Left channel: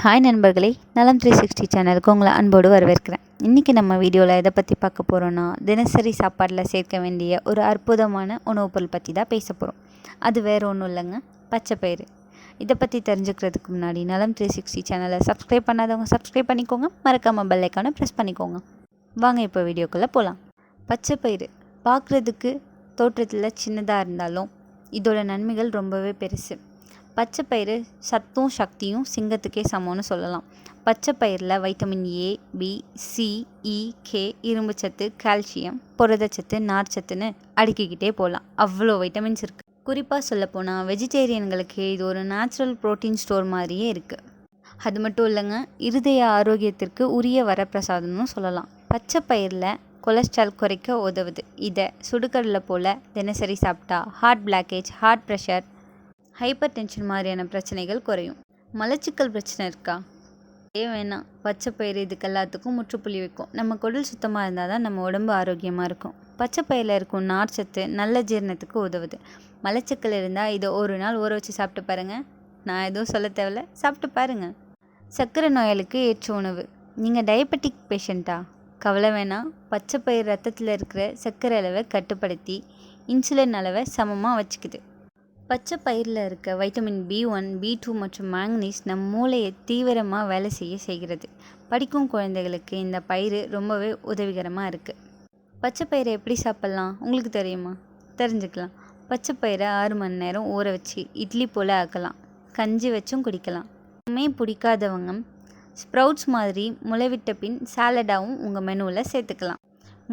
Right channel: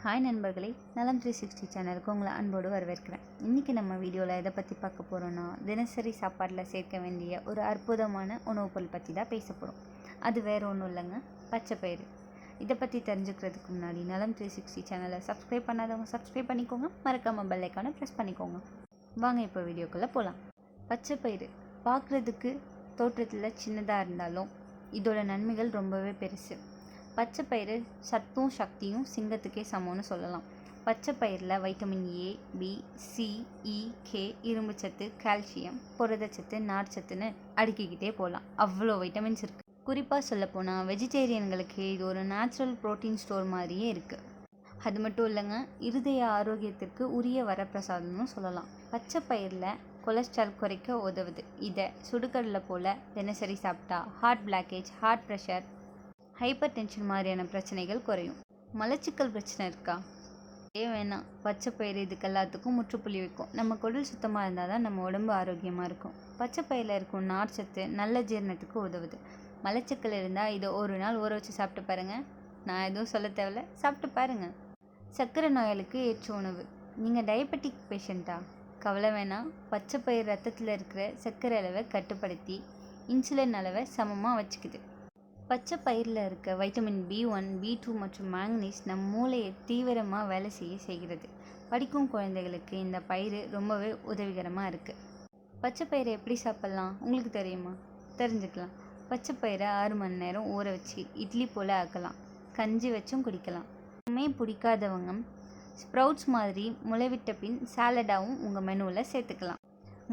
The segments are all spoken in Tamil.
ஹாய் நண்பர்களே, நலம் 360 சேனலுக்கு உங்களை அன்போடு வரவேற்கிறேன். இன்றைக்கி நம்ம வீடியோவில் எதை பற்றி பார்க்க போகிறோன்னா, தினசரி சாப்பாட்டில் சேர்க்க வேண்டிய ஒரு அற்புதமான உணவுப் பொருள் பற்றி தான் பேச போகிறோம். அது வேறு ஒன்றும் இல்லைங்க, பச்சைப்பயிறு. இதை பற்றி தெரிஞ்சுக்கிறதுக்கு முன்னாடி நலம் 360 சேனலை சப்ஸ்கிரைப் பண்ணாதவங்க சப்ஸ்கிரைப் பண்ணிக்கோங்க, மறக்காமல் பெல் ஐக்கானை ப்ரெஸ் பண்ணிக்கோங்க. வாங்க இப்போ வீடியோக்குள்ளே போகலாம். பச்சைப்பயிறு பார்க்குறதுக்கு தோற்றத்தில் சின்னதாக இருந்தாலும் இதோட நன்மைகள் ரொம்பவே பெருசு. பச்சைப்பயிறு சத்தும் சக்தியும் சிங்கத்துக்கே சமம்னு சொல்லலாம். பச்சைப்பயிரில் vitamin A, B, C, E, K, இரும்புச்சத்து, கால்சியம், புரதச்சத்து, நார்ச்சத்துன்னு அடுக்கிக்கிட்டே போகலாம். அவ்வளோ வைட்டமின்ஸ் இருக்குது. குறிப்பாக சொல்லப்போனால் வெஜிடேரியன்களுக்கு இது ஒரு நேச்சுரல் ப்ரோட்டீன் ஸ்டோர் மாதிரியே இருக்குது. அது மட்டும் இல்லைங்க, இருதய ஆரோக்கியத்திற்கு உரிய வரப்பிரசாதம்னு சொல்லலாம். பச்சைப்பயிரில் கொலஸ்ட்ரால் குறைக்க உதவுது. இதை சுடுகடலை போல் தினசரி சாப்பிட்டா heart blockage, heart pressure, hypertension மாதிரியான பிரச்சனைகள் குறையும். மலச்சிக்கல் பிரச்சனை இருக்கா? வேணாம். பச்சைப்பயிறு இதுக்கு எல்லாத்துக்கும் முற்றுப்புள்ளி வைக்கும். நம்ம குடல் சுத்தமாக இருந்தால் தான் நம்ம உடம்பு ஆரோக்கியமாக இருக்கும். பச்சைப்பயிரில் இருக்கும் நார்ச்சத்து நல்ல ஜீரணத்துக்கு உதவுது. மலச்சிக்கல் இருந்தால் இதை ஒரு நாள் ஊற வச்சு சாப்பிட்டு பாருங்கள். நான் எதுவும் சொல்ல தேவையில்ல, சாப்பிட்டு பாருங்கள். சர்க்கரை நோயாளிக்கு ஏற்ற உணவு. நீங்கள் டயபெட்டிக் பேஷண்ட்டா? கவலை வேணாம். பச்சைப்பயிறு ரத்தத்தில் இருக்கிற சர்க்கரை அளவை கட்டுப்படுத்தி இன்சுலின் அளவை சமமாக வச்சுக்குது. பச்சை பயிரில் இருக்க வைட்டமின் B1, B2 மற்றும் மேங்கனீஸ் நம் மூளையை தீவிரமாக வேலை செய்கிறது. படிக்கும் குழந்தைகளுக்கு இந்த பயிறு ரொம்பவே உதவிகரமாக இருக்குது. பச்சை பயிரை எப்படி சாப்பிட்லாம் உங்களுக்கு தெரியுமா? தெரிஞ்சுக்கலாம். பச்சை பயிரை 6 மணி நேரம் ஊற வச்சு இட்லி போல் ஆக்கலாம். கஞ்சி வச்சும் குடிக்கலாம். எதுவுமே பிடிக்காதவங்க ஸ்ப்ரவுட்ஸ் மாதிரி முளைவிட்ட பின் சாலடாகவும் உங்கள் மெனுவில் சேர்த்துக்கலாம்.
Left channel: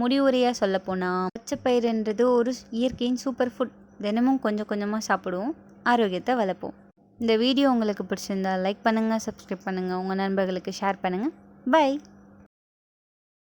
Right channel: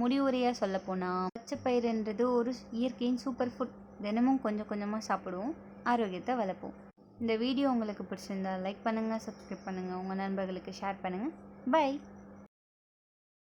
முடிவுரையாக சொல்லப்போனால் பச்சைப்பயிறுன்றது ஒரு இயற்கையின் சூப்பர் ஃபுட். தினமும் கொஞ்சம் கொஞ்சமாக சாப்பிடுவோம், ஆரோக்கியத்தை வளர்ப்போம். இந்த வீடியோ உங்களுக்கு பிடிச்சிருந்தா லைக் பண்ணுங்கள், சப்ஸ்கிரைப் பண்ணுங்கள், உங்கள் நண்பர்களுக்கு ஷேர் பண்ணுங்கள். பை.